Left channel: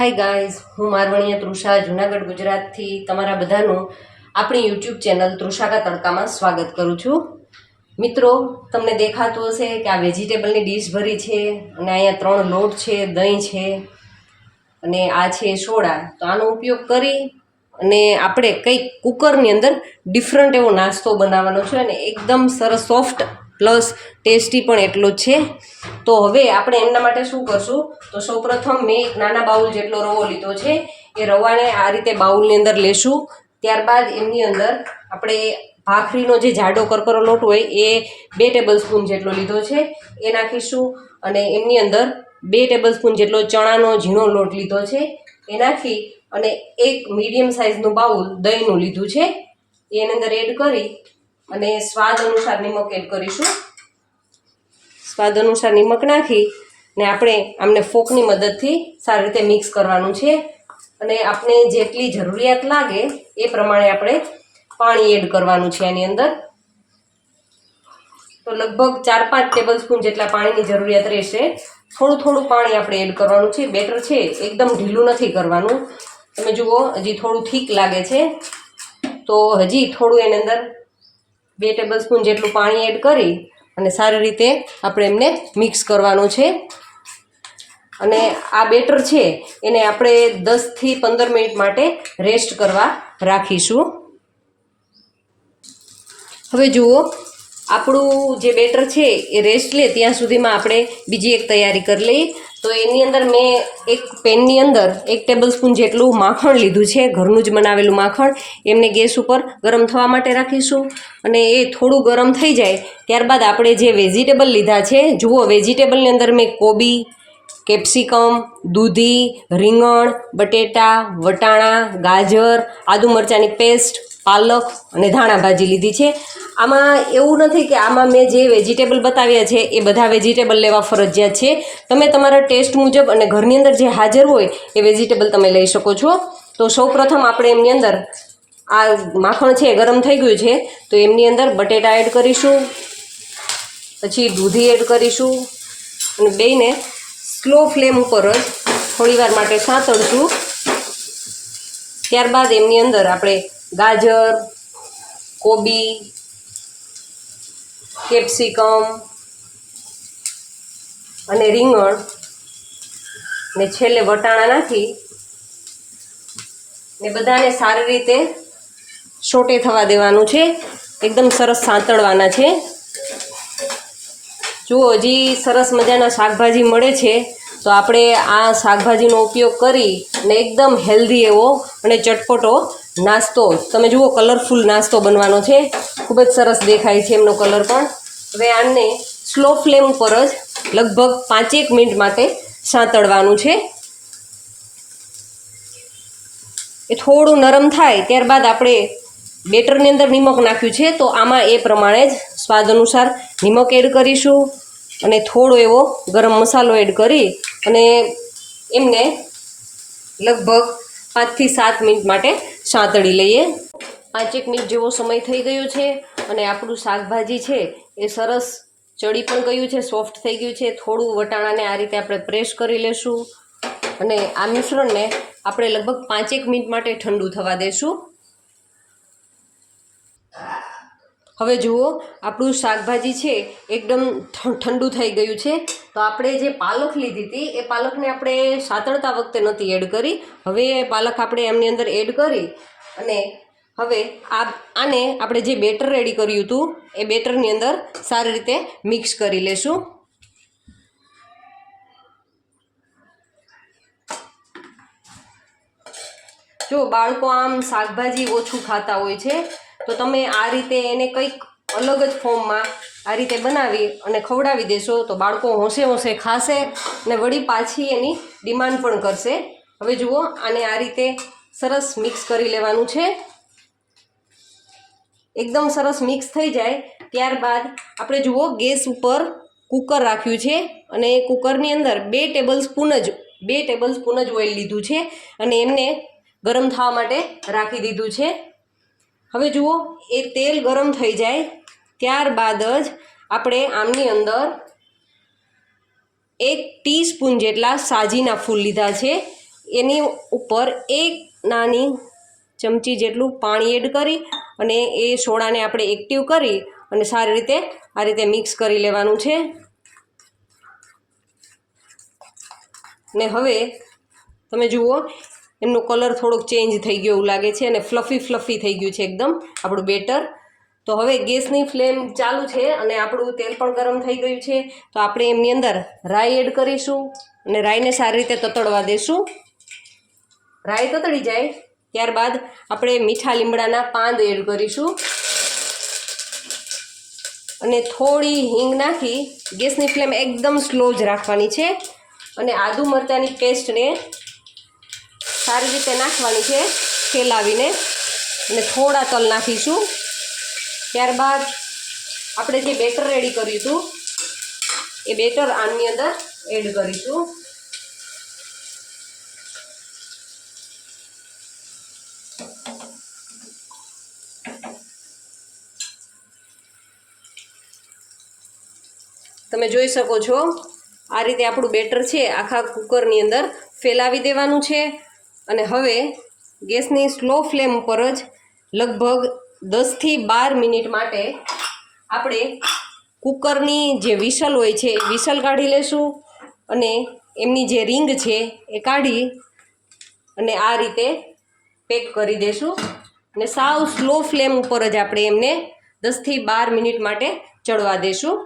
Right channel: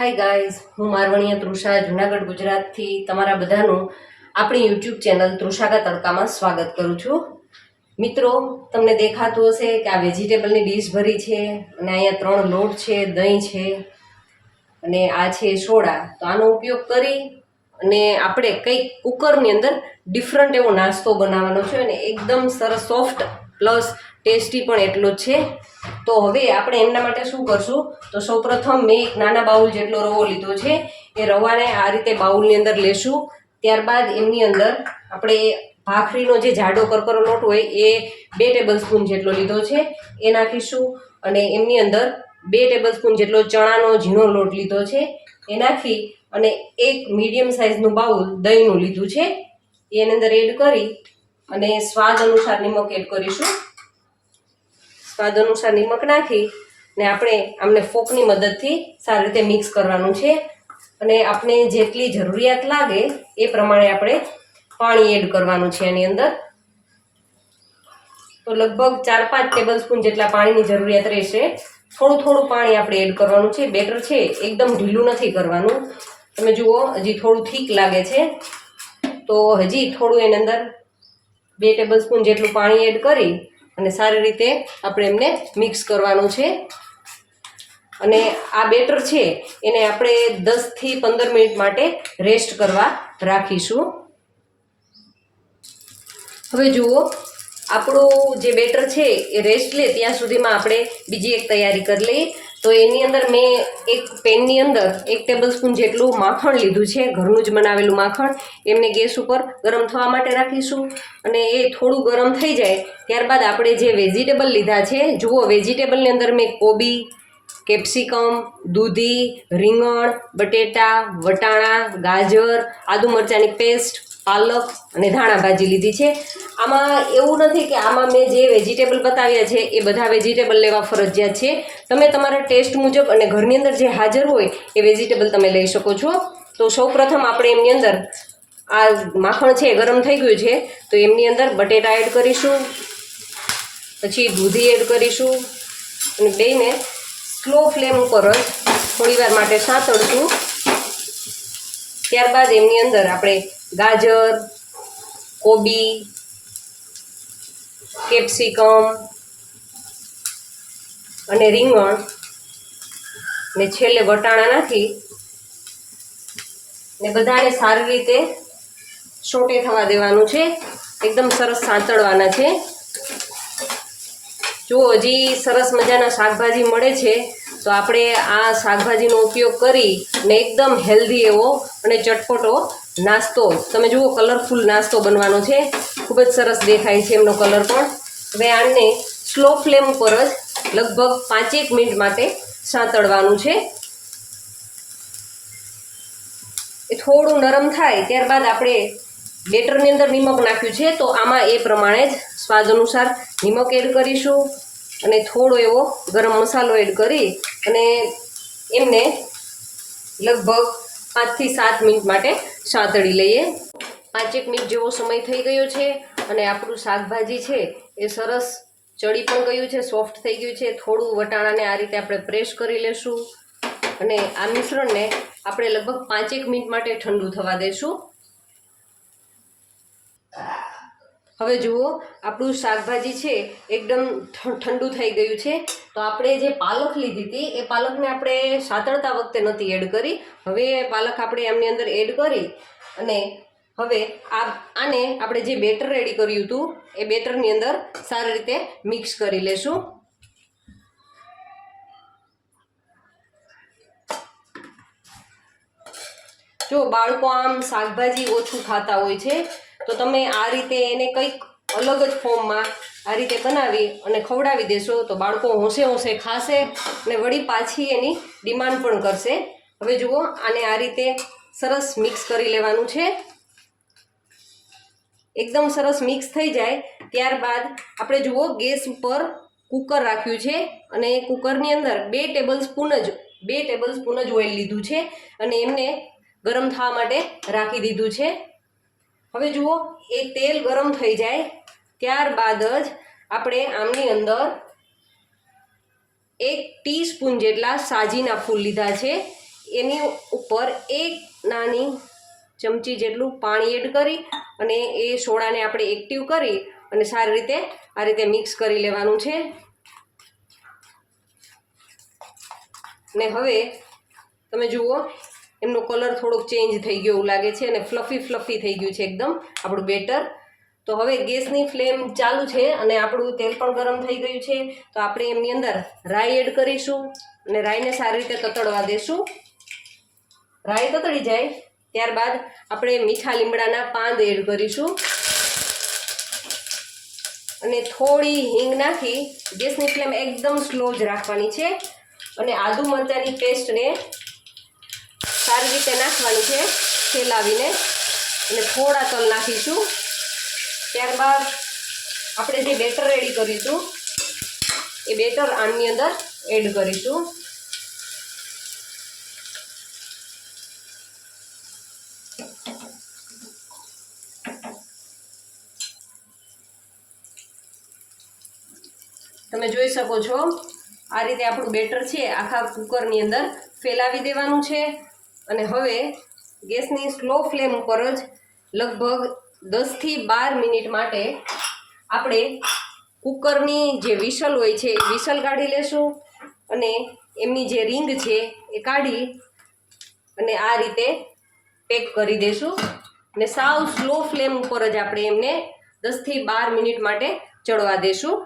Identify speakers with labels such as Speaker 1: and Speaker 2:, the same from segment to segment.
Speaker 1: Hi guys હું મારવણીયા તૃષા, જુનાગઢ, ગુજરાતથી તમારા બધાનું આપણી યુટ્યુબ ચેનલ તૃષાકા તડકામાં સ્વાગત કરું છું. મિત્રો, તમને દેખાતું હશે કે આ વેજીટેબલની ડીશ ભરી છે, અને અહીંયા ત્રણ લોટ છે, દહીં છે, અને આ છે સોડા. તો આનો ઉપયોગ કરી, અને આપણે કંઈક કુકરની અંદર ડિફરન્ટ એવો નાસ્તો બનાવવાનો છે, અને એકદમ સરસ સોફ્ટ પ્લસ ટેસ્ટી પણ એટલો જ છે. તો હવે આપણે એમના માટે શું કરશું? તો સૌપ્રથમ મેં એક નાના બાઉલ જેટલો રવો લીધો છે. એ રવાને આ રીતે બાઉલની અંદર લેશું. ત્યારબાદ એમની અંદર આપણે ભાખરીનો જે જાડો કરકરો લોટ હોય એ બે ટેબલ સ્પૂન જેટલો લીધો છે. એ નાખીશું અને એમની અંદર બે ટેબલ સ્પૂન જેટલો ચણાનો ઝીણો લોટ લીધો છે. એ નાખી અને એક મીડિયમ સાઇઝનું બાઉલ દહીંનું લીધું છે. એની અંદર એડ કરી અને સ્વાદ અનુસાર નિમક એડ કરીશું. સ્વાદ અનુસાર નિમક નાખી ને આપણે આમને ફોકની મદદથી સારી રીતે મિક્સ કરવાનું છે. અને આપણે જેટલી જરૂરિયાત લાગે એ પ્રમાણે આપણે પાણી એડ કરવાનું છે એની અંદર. તો લગભગ ચાર પાંચ ટેબલ સ્પૂન જેટલા પાણીની જરૂરિયાત રહેશે. થોડું થોડું પાણી આપણે એડ કરવાનું છે. બેટર છે, એકદમ ઢીલું નથી કરવાનું. તમે જુઓ, હજી થોડું થીક લાગે છે. તો હજી થોડું એની અંદર બે ટેબલ સ્પૂન જેટલું પાણી એડ કરી અને સારી રીતે આપણે એમને મિક્સ કરવાનું છે. અને આ બેટર છે, એને આપણે દસથી પંદર મિનિટ માટે રેસ્ટ કરવા રાખીશું. હવે જુઓ, આપણું જે બેટર છે, એ રેસ્ટ લે, ત્યાં સુધીમાં આપણે બીજી એક તૈયારી કરી લઈએ. તો એની અંદર મેં એક પેનની અંદર એક ટેબલ સ્પૂન જેટલું માખણ લીધું છે, ઘરનું જ બનાવેલું માખણ. એમને ગેસ ઉપર ગરમ થવા માટે રાખીશું. અને એ થોડું ગરમ થઈ જાય, ત્યારબાદ આપણે જે વેજીટેબલ લીધા છે, જુઓ વેજીટેબલની અંદર મેં કોબી કેપ્સિકમ દૂધી, રીંગણ, બટેટા, વટાણા, ગાજર, આદુ મરચાંની પેસ્ટ પાલક અને ધાણા ભાજી લીધી છે. આમાં એવું નથી કે આમાં મેં જે વેજીટેબલ બતાવ્યા છે, એ બધા વેજીટેબલ લેવા ફરજિયાત છે. તમે તમારા ટેસ્ટ મુજબ અને ઘરની અંદર જે હાજર હોય, એ વેજીટેબલ તમે લઈ શકો છો. તો સૌપ્રથમ આપણે એમની અંદર આ માખણ છે ગરમ થઈ ગયું છે, તો એમની અંદર બટેટા એડ કરીશું, પછી દૂધી એડ કરીશું, અને બેને સ્લો ફ્લેમ ઉપર જ થોડીવાર માટે સાંતળશું ત્યારબાદ એમની અંદર આપણે ગાજર, કોબી કેપ્સિકમ અને રીંગણ ને છેલ્લે વટાણા નાખી ને બધાને સારી રીતે સોટે થવા દેવાનું છે. એકદમ સરસ સાંતળવાના છે. જુઓ, હજી સરસ મજાના શાકભાજી મળે છે. તો આપણે આ શાકભાજીનો ઉપયોગ કરી અને એકદમ હેલ્ધી એવો અને ચટપટો નાસ્તો. તમે જુઓ કલરફુલ નાસ્તો બનવાનો છે. ખૂબ જ સરસ દેખાય છે એમનો કલર પણ. હવે આને સ્લો ફ્લેમ ઉપર જ લગભગ પાંચેક મિનિટ માટે સાંતળવાનું છે. એ થોડું નરમ થાય ત્યારબાદ આપણે બેટરની અંદર નિમક નાખ્યું છે, તો આમાં એ પ્રમાણે જ સ્વાદ અનુસાર નિમક એડ કરીશું. અને થોડો એવો ગરમ મસાલો એડ કરી અને એમને લગભગ પાંચથી સાત મિનિટ માટે સાંતળી લઈએ. પાંચેક મિનિટ જેવો સમય થઈ ગયો છે અને આપણું શાકભાજી છે એ સરસ ચડી પણ ગયું છે, સોફ્ટ થઈ ગયું છે. થોડું વટાણાને આ રીતે આપણે પ્રેસ કરી લેશું અને આ મિશ્રણને આપણે લગભગ પાંચેક મિનિટ માટે ઠંડુ થવા દેશું. હવે જુઓ, આપણું શાકભાજી છે, એકદમ ઠંડુ થઈ ગયું છે. તો આપણે જે પાલક લીધી હતી, એ પાલકને આપણે સાતળતા વખતે નથી એડ કરી. હવે એ પાલક આપણે એમની અંદર એડ કરી અને હવે આ, આને આપણે જે બેટર રેડી કર્યું હતું, એ બેટરની અંદર સારી રીતે મિક્સ કરી લેશું. જો બાળકો આમ શાકભાજી ઓછું ખાતા હોય છે તો તમે આ રીતે એને કંઈક અલગ જ ફોર્મમાં આ રીતે બનાવી અને ખવડાવી દેશો તો બાળકો હોંશે હોંશે ખાશે અને વળી પાછી એની ડિમાન્ડ પણ કરશે. હવે જુઓ, આને આ રીતે સરસ મિક્સ કરી લેવાનું છે. એકદમ સરસ મિક્સ થઈ જાય. ત્યારબાદ આપણે જુઓ, ગેસ ઉપર કુકર રાખ્યું છે અને એ કુકરની અંદર બે ટેબલ સ્પૂન જ, બે ટેબલ સ્પૂન જ ઓઇલ લીધું છે અને એમને ગરમ થવા માટે રાખી દીધું છે. હવે જુઓ, એ તેલ ગરમ થઈ જાય ત્યારબાદ જ આપણે આમની અંદર એક ટીસ્પૂન જેટલા સાજીના ફૂલ લીધા છે. એની ઉપર એક નાની ચમચી જેટલું પાણી એડ કરી અને એ સોડાને આપણે એક્ટિવ કરી અને સારી રીતે આ રીતે મિક્સ કરી લેવાનું છે. ને હવે તમે જુઓ એમનો કલર થોડોક ચેન્જ થઈ ગયો એવું લાગે છે અને ફ્લફી ફ્લફી થઈ ગયું છે એકદમ, આપણું બેટર. તો હવે ગેસની ફ્લેમ ચાલુ છે અને આપણું તેલ પણ ગરમ થઈ ગયું છે. તો આપણે એમની અંદર રાઈ એડ કરીશું અને રાઈને સારી રીતે તતડવા દેશું. રાઈ તતડી જાય, ત્યારબાદ આપણે મીઠા લીમડાના પાંદ એડ કરીશું. અને થોડી હિંગ નાખી ગેસની ફ્લેમ એકદમ સ્લો જ રાખવાની છે. અને આદુ મરચાંની પેસ્ટને સારી રીતે નાખવાની છે ફેલાવીને અને થોડા તલ નાખીશું. ત્યારબાદ આપણે જે બેટર રેડી કરીશું એ બેટર આની અંદર એડ કરીશું. તમે જોઈ શકો છો, આ રીતે આપણું બેટર છે આખા કુકરની અંદર ફેલાવી દેવાનું છે. અને હવે ગેસની સ્લો ફ્લેમ ઉપર જ લગભગ દસથી બાર મિનિટ માટે આપણે કુકરની જે વિસલ હોય છે એ વિસલ કાઢી લેશું અને એમની જે રિંગ છે એ કાઢી અને આ રીતે પેક કરી દેશું અને સાવ સ્લો ફ્લેમ ઉપર જ આપણે એમને દસથી બાર મિનિટ માટે ચડવા દેશું.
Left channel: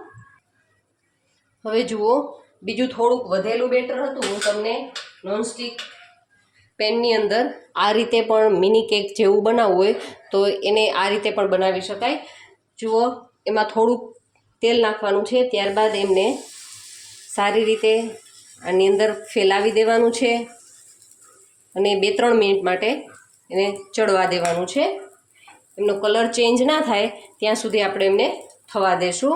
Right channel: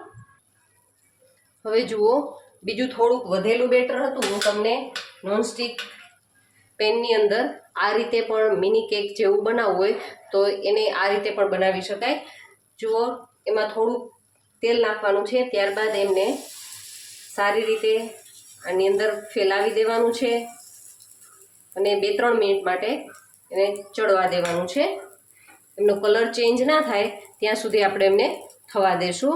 Speaker 1: હવે જુઓ, બીજું થોડુંક વધેલું બેટર હતું. હું તમને નોનસ્ટિક પેનની અંદર આ રીતે પણ મિની કેક જેવું બનાવવું હોય, તો એને આ રીતે પણ બનાવી શકાય. જુઓ, એમાં થોડુંક તેલ નાખવાનું છે, ત્યારબાદ એમને સારી રીતે આની અંદર ફેલાવી દેવાનું છે અને બે ત્રણ મિનિટ માટે એને ચડવા દેવાનું છે. એમનો કલર ચેન્જ ના થાય, ત્યાં સુધી આપણે એમને થવા દેશું.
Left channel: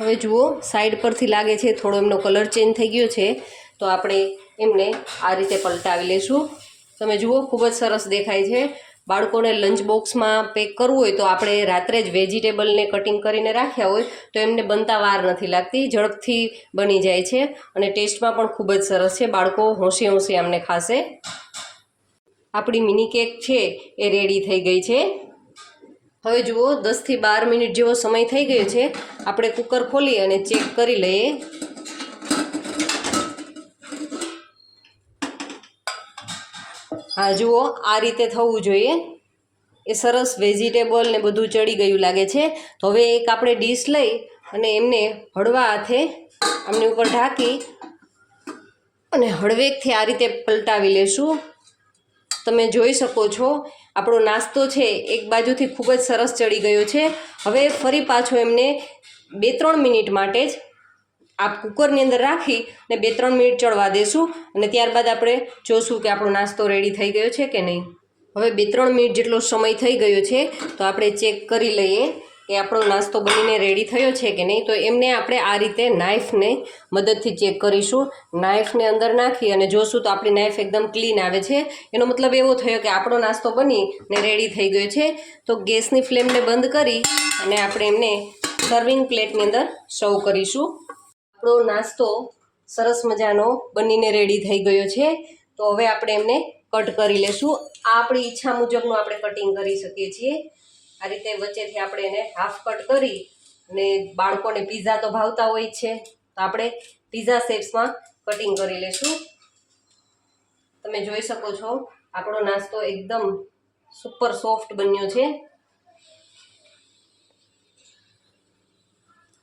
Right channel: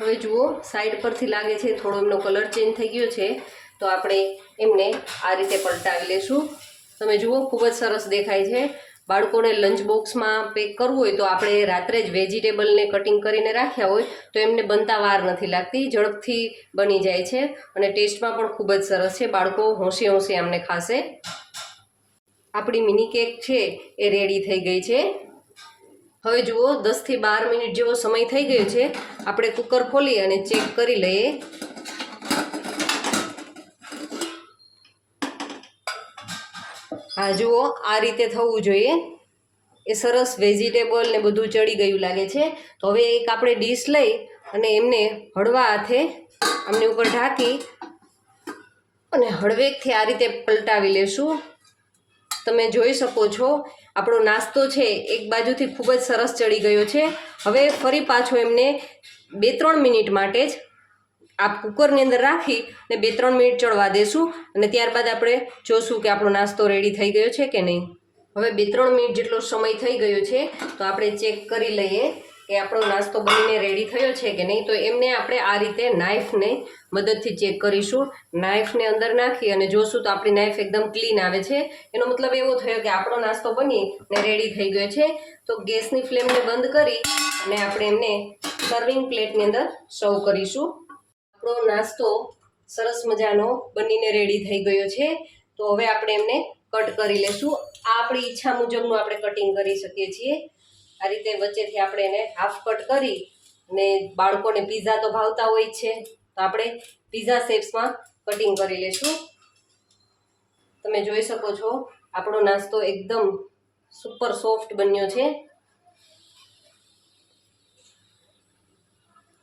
Speaker 1: હવે જુઓ સાઈડ પરથી લાગે છે, થોડો એમનો કલર ચેન્જ થઈ ગયો છે, તો આપણે એમને આ રીતે પલટાવી લેશું. તમે જુઓ, ખૂબ જ સરસ દેખાય છે. બાળકોને લંચ બોક્સમાં પેક કરવું હોય તો આપણે રાત્રે જ વેજીટેબલને કટિંગ કરીને રાખ્યા હોય તો એમને બનતા વાર નથી લાગતી, ઝડપથી બની જાય છે અને ટેસ્ટમાં પણ ખૂબ જ સરસ છે. બાળકો હોંશે હોંશે આમને ખાશે. આપણી મિની કેક છે, એ રેડી થઈ ગઈ છે. હવે જુઓ દસથી બાર મિનિટ જેવો સમય થઈ ગયો છે. આપણે કુકર ખોલી અને ચેક કરી લઈએ. હા, જુઓ, આ રીતે થવું જોઈએ. એ સરસ વેજીટેબલ ને બધું ચડી ગયું લાગે છે. તો હવે એક આપણે ડીશ લઈ અને એમને હળવા હાથે આમની ઉપર ઢાંકી અને હળવેકથી આ રીતે પલટાવી લેશું. તમે જોઈ શકો છો આપણો નાસ્તો છે એક બાજુથી ખૂબ જ સરસ ચડી ગયો છે. હવે ફરી પાછો એમને બે ત્રણ મિનિટ માટે જ આ કુકરની અંદર રાખી ને બે ત્રણ મિનિટ ચડવા દેશું અને ત્યારબાદ આપણે જોશું કે આપણો નાસ્તો રેડી થઈ ગયો છે કે નહીં. હવે બે ત્રણ મિનિટ જેટલો સમય થઈ ગયો છે તો આપણે ચેક કરી લઈએ. કે આપણો નાસ્તો બનીને રેડી થયો છે કે નહીં, તો એમને આપણે આ રીતે નાઇફને મદદથી ચેક કરીશું. નાઇફને અંદર નાખી અને જોશું તો આપણી નાઇફ એકદમ ક્લીન આવે છે. એનો મતલબ એવો થયો કે આપણો નાસ્તો બની ને રેડી થઈ ગયો છે. તો ગેસની ફ્લેમને બંધ કરી અને આપણે એમને સર્વિંગ પ્લેટની અંદર સર્વ કરીશું. આપણો નાસ્તો સરસ મજાનો બનીને રેડી થઈ ગયો છે. તો હવે આપણે એમને કટ કરી લેશું. આપણી ઈચ્છા મુજબનું આપણે કટિંગ કરી શકીએ છીએ. આ રીતે વચ્ચેથી આપણે એને હાફ કટ કરી અને બાળકોને પીઝા તો ભાવતા હોય છે. તો આપણે પીઝા શેપ્સમાં કટિંગ કરી લેશું. તમે જોઈ શકો છો, આપણો નાસ્તો એકદમ સુપર સોફ્ટ બન્યો છે.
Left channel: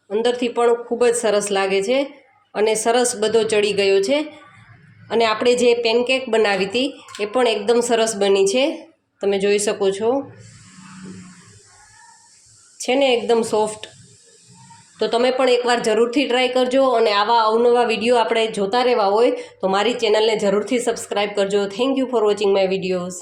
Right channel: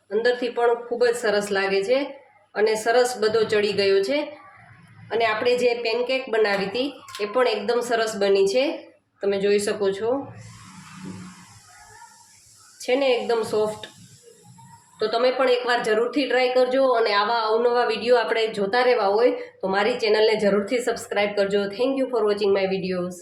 Speaker 1: અંદરથી પણ ખૂબ જ સરસ લાગે છે અને સરસ બધો ચડી ગયો છે. અને આપણે જે પેનકેક બનાવી હતી એ પણ એકદમ સરસ બની છે. તમે જોઈ શકો છો. છે ને એકદમ સોફ્ટ. તો તમે પણ એકવાર જરૂરથી ટ્રાય કરજો અને આવા અવનવા વીડિયો આપણે જોતા રહેવા હોય તો મારી ચેનલને જરૂરથી સબસ્ક્રાઈબ કરજો. Thank you for watching my videos